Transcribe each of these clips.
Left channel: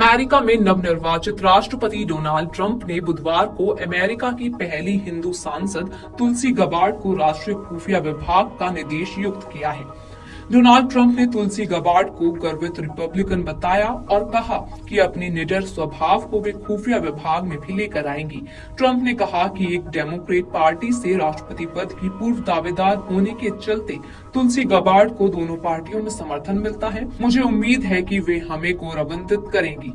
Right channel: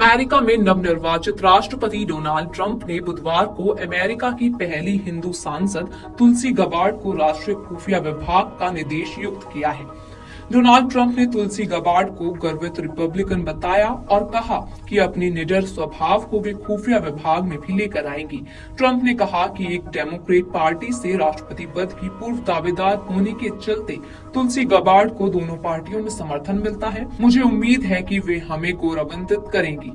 America में नवनिर्वाचित राष्ट्रपति डोनाल्ड ट्रंप ने बुधवार को अमेरिका की पहली हिंदू सांसद तुलसी गबार्ड को राष्ट्रीय खुफिया विभाग का निदेश नियुक्त किया है। डोनाल्ड ट्रंप ने तुलसी गबार्ड को गर्वित रिपब्लिकन बताया और कहा कि अपनी निडर स्वभाव को वे खुफिया विभाग में भी लेकर आएंगी। ट्रंप ने कहा कि एक डेमोक्रेट पार्टी से राष्ट्रपति पद की पूर्व दावेदार होने के चलते तुलसी गबार्ड को दोनों पार्टियों में समर्थन मिलता है। मुझे उम्मीद है कि वे हमें गौरवान्वित करेंगी।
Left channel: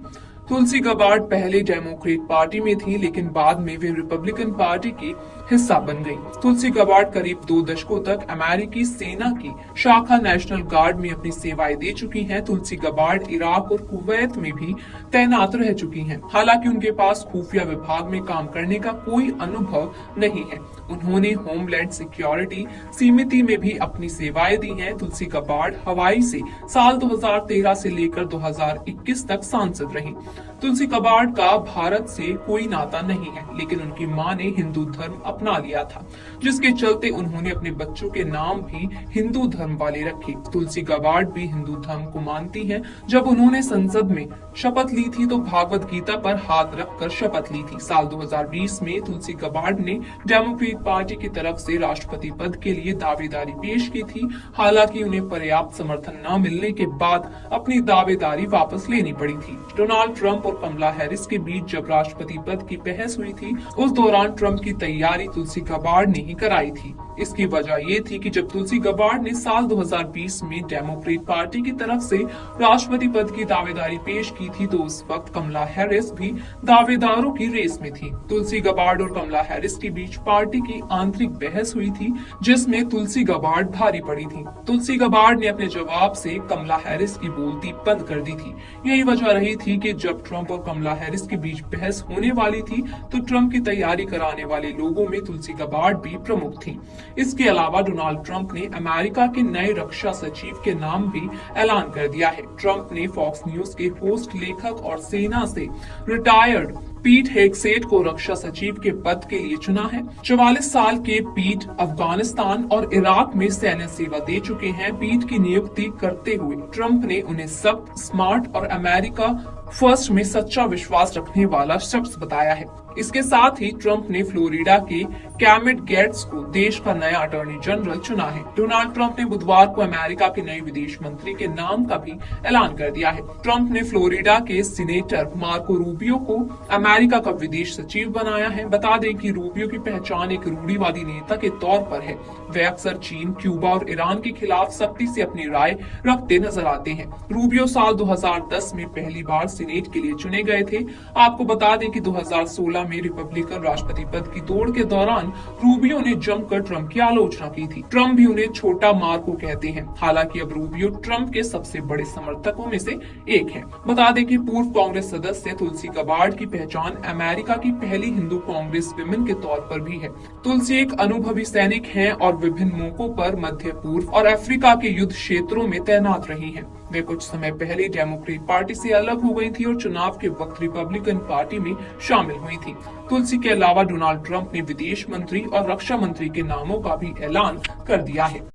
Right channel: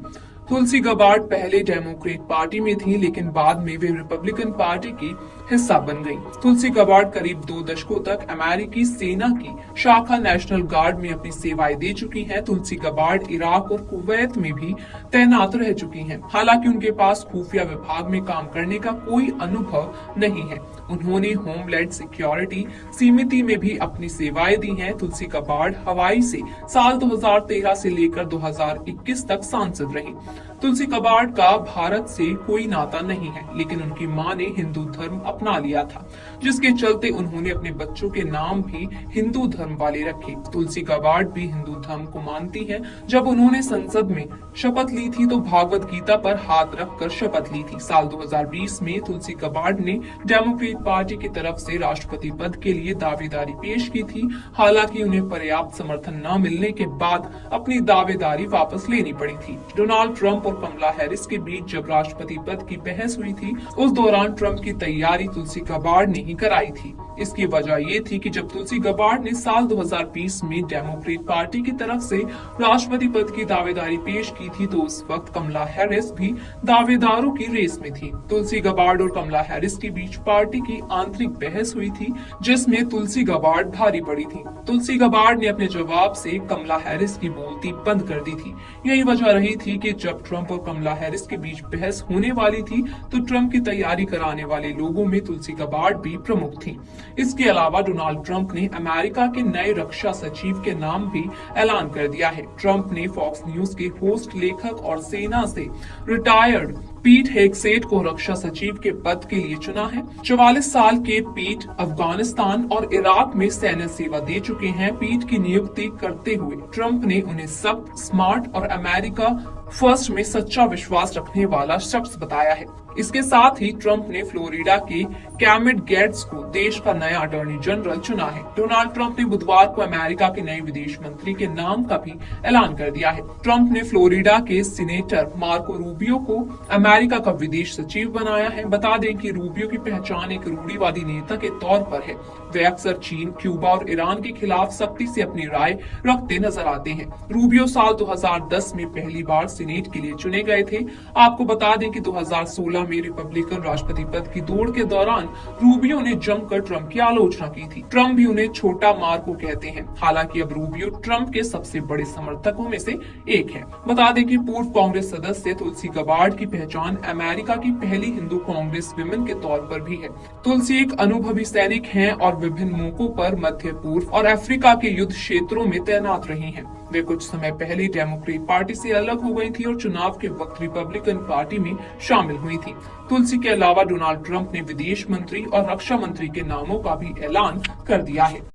तुलसी गबार्ड पहले डेमोक्रेट पार्टी में थी, लेकिन बाद में वे रिपब्लिकन पार्टी की हिस्सा बन गई। तुलसी गबार्ड करीब 2 दशकों तक अमेरिकी सेना की शाखा नेशनल गार्ड में अपनी सेवाएं दे चुकी हैं। तुलसी गबार्ड इराक और कुवैत में भी तैनात रह चुकी हैं। हालांकि उनके पास खुफिया विभाग में काम करने का कोई अनुभव नहीं है। उन्होंने होमलैंड सिक्योरिटी समिति में भी अपनी सेवाएं दी हैं। तुलसी गबार्ड हवाई से साल 2013 से लेकर 2021 तक सांसद रही। तुलसी गबार्ड का भारत से कोई नाता नहीं है, लेकिन उनकी मां ने हिंदू धर्म अपना लिया था, जिसके चलते उन्होंने अपने बच्चों के नाम भी हिंदू धर्म वाले रखे। तुलसी गबार्ड भी हिंदू धर्म को मानती हैं। जब उन्होंने संसद में शपथ ली थी तो भागवत गीता पर हाथ रखकर शपथ ली थी। साल 2020 में तुलसी गबार्ड ने डेमोक्रेट पार्टी की तरफ से राष्ट्रपति पद के लिए दावेदारी पेश की थी। हालांकि उन्हें पर्याप्त समर्थन न मिलने के बाद अपनी दावेदारी वापस लेनी पड़ी थी। डोनाल्ड ट्रंप और कमला हैरिस के बीच जब राष्ट्रपति पद की बहस हुई थी, उस दौरान ट्रंप की तैयारी तुलसी गबार्ड ने ही कराई थी। इसकी वजह ये थी कि जब तुलसी गबार्ड ने साल 2020 में डेमोक्रेट पार्टी की तरफ से राष्ट्रपति पद की दावेदारी पेश की थी, तो उस वक्त कमला हैरिस भी दावेदारों की रेस में थी। तुलसी गबार्ड और कमला हैरिस के बीच पार्टी की आंतरिक बहस हुई थी, जिसमें तुलसी गबार्ड भारी पड़ी थी। तुलसी गबार्ड ने अपने जवाब से कमला हैरिस की बोलती बंद कर दी थी। यही वजह रही थी कि जब ट्रंप और कमला हैरिस के बीच बहस होने वाली थी, तो ट्रंप की तैयारी कराने वाले लोगों में तुलसी गबार्ड भी प्रमुख थी। इसके अलावा डोनाल्ड ट्रंप ने अमेरिका के नए रक्षा सचिव के नाम भी ऐलान कर दिया है। ट्रंप ने फॉक्स न्यूज के होस्ट, लेखक और सेना से रिटायर्ड पीट हेगसेट को रक्षा सचिव के पद के लिए चुना है। 44 साल के पीट अफगानिस्तान और इराक में सैन्य सेवा दे चुके हैं। पीट की नियुक्ति करते हुए ट्रंप ने उन्हें सख्त, स्मार्ट और अमेरिका फर्स्ट में सच्चा विश्वास रखने वाला शख्स बताया है। इसके साथ ही ट्रंप ने फ्लोरिडा के कैमिट गेट्स को देश का नया अटॉर्नी जनरल चुना है। डोनाल्ड ट्रंप ने बुधवार को अमेरिका के नए विदेश मंत्री के नाम का भी ऐलान कर दिया है। ट्रंप ने फ्लोरिडा के सीनेटर मार्को रूबियो को अमेरिका का विदेश सचिव बनाया है। बता दें कि रूबियो की पहचान एक रूढ़िवादी नेता के तौर पर है। वे अक्सर चीन, क्यूबा और ईरान के खिलाफ सख्ती से अपनी राय रखते नजर आते हैं। रूबियो साल 2010 में पहली बार सीनेट के लिए चुने गए थे। आपको बता दें कि 2016 में रिपब्लिकन राष्ट्रपति पद की दौड़ के दौरान रूबियो ने जमकर ट्रंप की आलोचना की थी। ट्रंप भी उन्हें छोटा मार्को कहते हैं। हालांकि अब रूबियो ट्रंप के सबसे बड़े समर्थकों में से एक है। बता दें कि पूर्व कांग्रेस सदस्य तुलसी गबार्ड की पहचान अमेरिका की पहली हिंदू कांग्रेस विमेन के तौर पर भी है। तुलसी एक अनुभवी सैनिक हैं और विभिन्न मौकों पर मध्य पूर्व और अफ्रीका के युद्ध क्षेत्रों में तैनात रही हैं। वे कुछ समय पहले डेमोक्रेट पार्टी से अलग हो गई थी और चुनाव के वक्त रिपब्लिकन पार्टी में शामिल हुई थी। तुलसी के अलावा डोनाल्ड ट्रंप ने विदेश मंत्री और रक्षा मंत्री के नामों का भी ऐलान कर दिया है।